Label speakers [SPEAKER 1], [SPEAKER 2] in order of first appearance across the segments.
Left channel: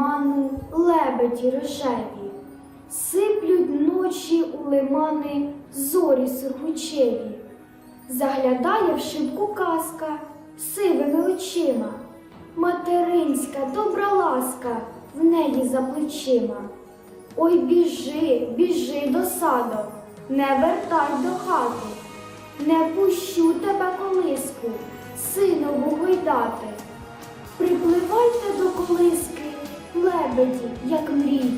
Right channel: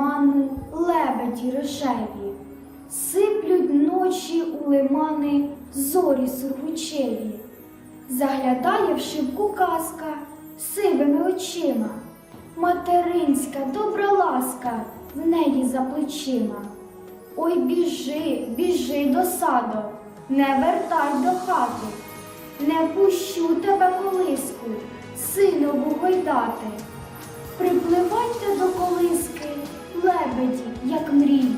[SPEAKER 1] лиману лебеді рожеві, сиплють ночі у лимани зорі сургучеві. Заглядає в шибку казка сивими очима, материнська добра ласка в неї за плечима. Ой, біжи, біжи до саду, не вертай до хати, не пущу тебе колиску, сину бугойдати. Лебеді, як мрії,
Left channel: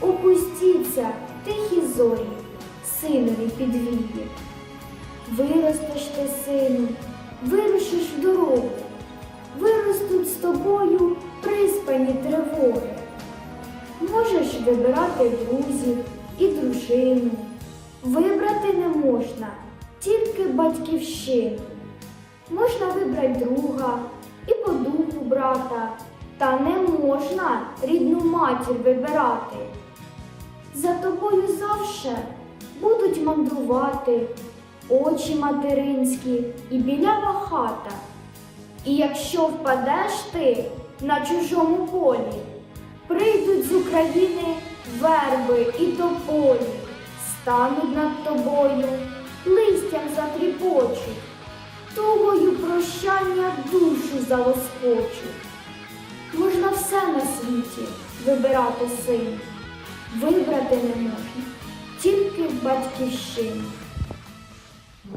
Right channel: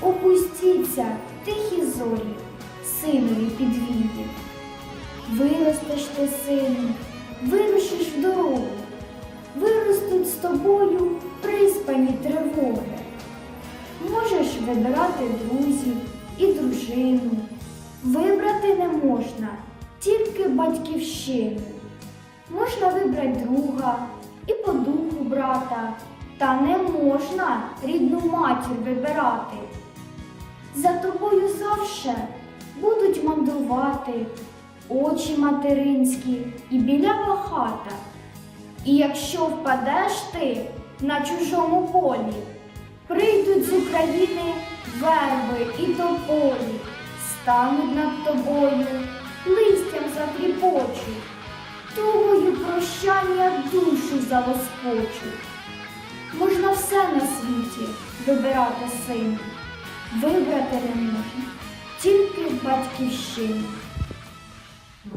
[SPEAKER 1] опустіться, тихі зорі, синові підвії. Виростеш ти, сину, вирушиш дорогу, виростуть з тобою приспані тривоги. Можеш вибирати друзів і дружину. Вибрати не можна, тільки батьківщину. Можна вибрати друга і по духу брата, та не можна рідну матір вибирати. За тобою завше будуть мандрувати очі материнські і білява хата. І якщо впадеш ти на чужому полі, прийдуть з України верби і тополі, стануть над тобою, листям затріпочуть, тугою прощання душу залоскочуть. На світі вибирати син, вибрати не можна, тільки батьківщину.